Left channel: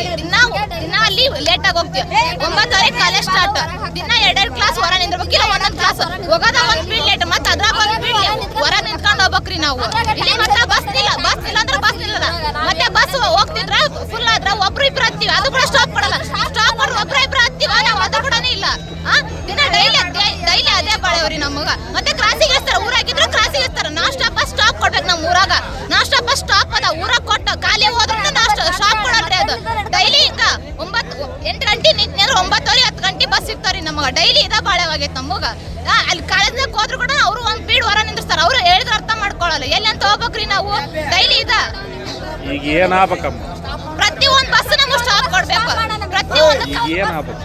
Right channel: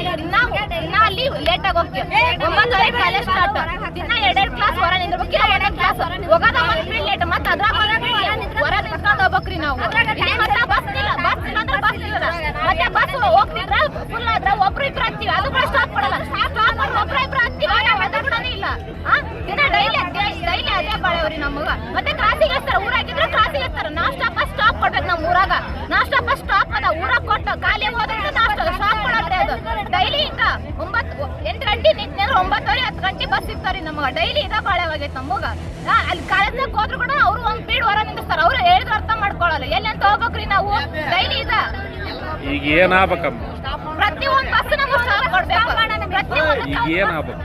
ಇಲ್ರಿ ದಿನ ದಿನ ಅಲ್ಲಿ ಲೇಟ್ ಆಗಿ ಹೋಗ್ತೀವಿ. ಒಂಬತ್ತುವರೆ ಕಾಲೇಜ್ ಸ್ಟಾರ್ಟ್ ದಿನ ಎರಡೆರಡು ಕ್ಲಾಸ್ ಹೊರ ನಿಂದಿರ್ಬೇಕು ಇಲ್ಲ ಒಂದೊಂದು ಕ್ಲಾಸ್ ಹೋಗೋದ ಒಂದು ಪೀಡ್ ಲೇಟ್ ಮತ್ತೆ ಅದ್ರಾಗ ಹೊರ ನಿಂತ್ಕೊಂಡು ಹೋಗ್ಬೇಕ್ರಿ ನಾವು. ಇಲ್ಲಿ ಮಾತ್ರ ಬಸ್ ಇಲ್ಲ. ಬಸ್ ಇಲ್ಲ ಅಂದ್ರೆ ಬಸ್ ಇಲ್ಲ ಮತ್ತೆ ಬಸ್ ಹೋಗ್ತಿದ್ರ ಫುಲ್ ಆದ್ರ ಒಬ್ರು ಇಬ್ರು ಹತ್ತೀವಿ. ಅದು ಕೂಡ ಸ್ಟಾಪ್ ಕೊಡಲ್ಲ ಸ್ಟಾಪ್ ಮಾಡಿ ಒಬ್ರು ಇಬ್ರು ಹತ್ತೀವಿ. ಅದು ಕೂಡ ಇಲ್ಲ. ದಿನ ಡೈಲಿ ಡೈಲಿ ಅದೇ ಬಾಳವ್ರಿ ನಮಗ. ಮತ್ತೆ ಕ್ರಾಸಿಗೆ ಇರ್ತಾರ ಊರಾಗಿದ್ರು ಕ್ರಾಸಿಗೆ ಇರ್ತಾರ ನಾ ಸ್ಟಾಪ್ ಸ್ಟಾಪ್ ಕೊಡ್ಬೇಕು ನಮ್ಮ ಊರಾಗ. ನಾ ಸ್ಟಾಪ್ ಸ್ಟಾಪ್ ಅದ. ಊರಾಗ ಕೊಟ್ಟು ಖಾಲಿ ಹೋದ್ರೆ ನಾಷ್ಟ ಸ್ಟಾಪ್ ಕೊಡಲ್ರಿ ಅದು ಡೈಲಿ ಹಿಂಗ ಒಂಬತ್ತು ಎಂಟು ಗಂಟೆ ನಿಂತ್ರೆ ಒಂಬತ್ತುವರೆ ಹತ್ತು ಗಂಟೆ ಬಸ್ ಸಿಗ್ತಾವ್ರಿ ನಮಗ ಡೈಲಿ ಇದ ಬಾಳವಾಗೈತೆ ನಮಗ ಆ, ಅಲ್ಲಿ ಕಳೆದ್ನೆ ಹೋದ್ರು ಕೂಡ ಅವ್ರು ಒಂದ್ ಪೀಡ್ ಹೊರ ನಿಂದಿರ್ತಾರ ಅವ್ರು ಹೇಳಿದ್ರೆ ಅರ್ಥ ಮಾಡ್ಕೊಳ್ಳಲ್ಲ ಎಲ್ಲಿ ಅಂತ ಹೋಗ್ಬೇಕ್ರಿ ನಾವು? ಡೈಲಿ ಇದ. ಈಗ ಏನಾಗ್ಬೇಕಮ್ಮ ಪ್ರತಿ ಒಂದ್ ಬಸ್ ನಮಗ್ ಸ್ಟಾಪ್ ಕೊಡ್ಬೇಕು. ಪ್ರತಿ ಒಂದು ಈಗ ಏನಾಗಬೇಕು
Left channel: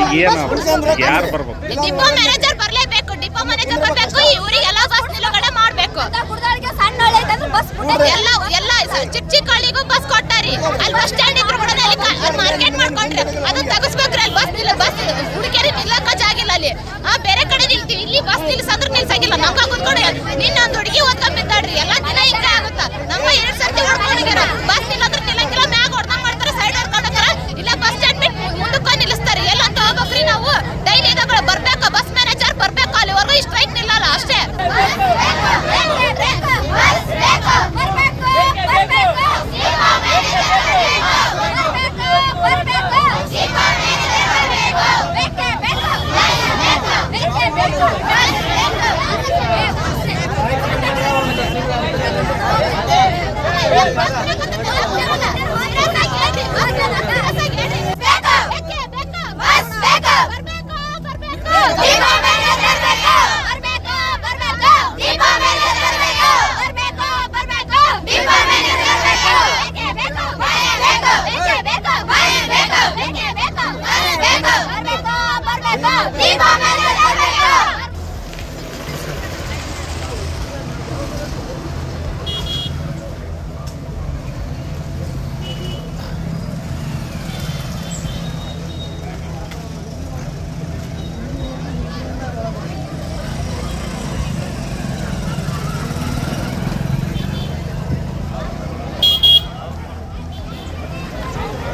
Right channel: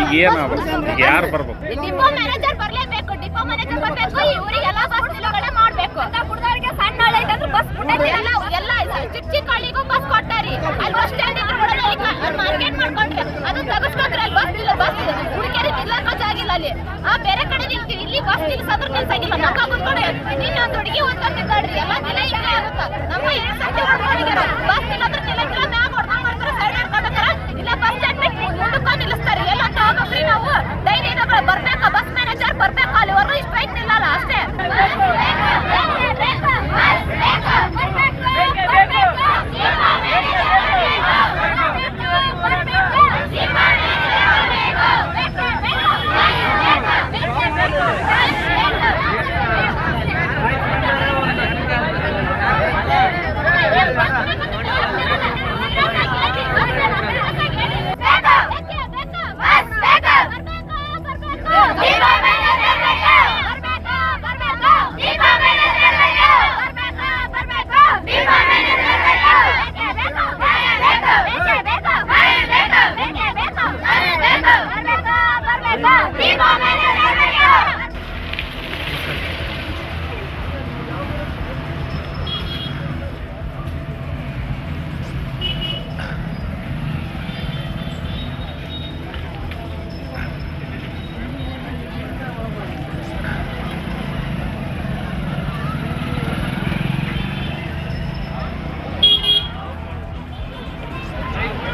ಈಗ ಏನಾಗಬೇಕು ಈಗ ಯಾರು ಬರ್ಬೇಕು? ಡಿಪೋ ಮ್ಯಾನೇಜರ್ ಬರ್ಲೇಬೇಕು. ಡಿಪೋ ಮ್ಯಾನೇಜರ್ ಬರ್ಬೇಕು. ಇವರಿಗೆಲ್ಲ ಬಸ್ ನಿಲುಗಡೆ ಮಾಡ್ಬೇಕು. ಸಣ್ಣ ಹಳ್ಳಿ ಐತಂದ್ರೆ ಬಸ್ ಬಿಟ್ಟೈತಿ ಎಲ್ಲ ಎಲ್ಲ ಚಿಕ್ಕ ಚಿಕ್ಕ ಹಳ್ಳಿಗೂ ಬಸ್ ಕೊಟ್ಟಾರಿ. ಅಲ್ಲಿ ಬಸ್ ಸ್ಟ್ಯಾಂಡ್ ಇದ್ರು ಕೂಡ ಅಲ್ಲಿ ಮಾರ್ಕೆಟ್ ಮಾಡ್ಕೊಂಡ್ರೆ ಅದನ್ನ ತಗಸ್ಬೇಕ್ರಿ ಅಲ್ಲಿ ಬಸ್ ನಿಲ್ಲ ಬಸ್ ಹುಡುಗಿಯರಿ ನಿಲ್ಲಕ್ಕ ಜಾಗಿಲ್ಲ ಅಲ್ಲಿ ಆ ಬೇರೆ ಕಡೆ ನಿಲ್ತೀವಿ ಇಲ್ಲಿ ಬಸ್ ನಿಲ್ಸಂದ್ರೆ ನಿಲ್ಸಂಗಿಲ್ಲ ನಂಗ ಕುತ್ಕೊಡಿ ನಿನ್ನ ಒಂದು ಹುಡುಗಿ ಓದ್ಕೊಂಡ್ ಬಿದ್ದಾಡ್ರಿ ಎಲ್ಲ ದಿನ ಹಿಂಗ ಆಗುತ್ತ. ನಮ್ಮ ಎರಡ್ ಸರ್ತಿ ಹೊಡ್ಕೊಂಡಿರ ಬಸ್ ನಿಲ್ಲಂದ್ರೆ ನಿಲ್ಲಂಗಿಲ್ಲ ಮ್ಯಾಗ ಹೊಡ್ದಂಗ್ ಮಾಡ್ತಾರೆ ಸೈಡ್ ಹೊಡ್ಕೊಂಡ್ರ ಇಲ್ಲ ಬಸ್ ಸ್ಟ್ಯಾಂಡ್ ಬಿಟ್ಟು ಮುಂದಕ್ಕ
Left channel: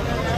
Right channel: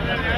Yeah.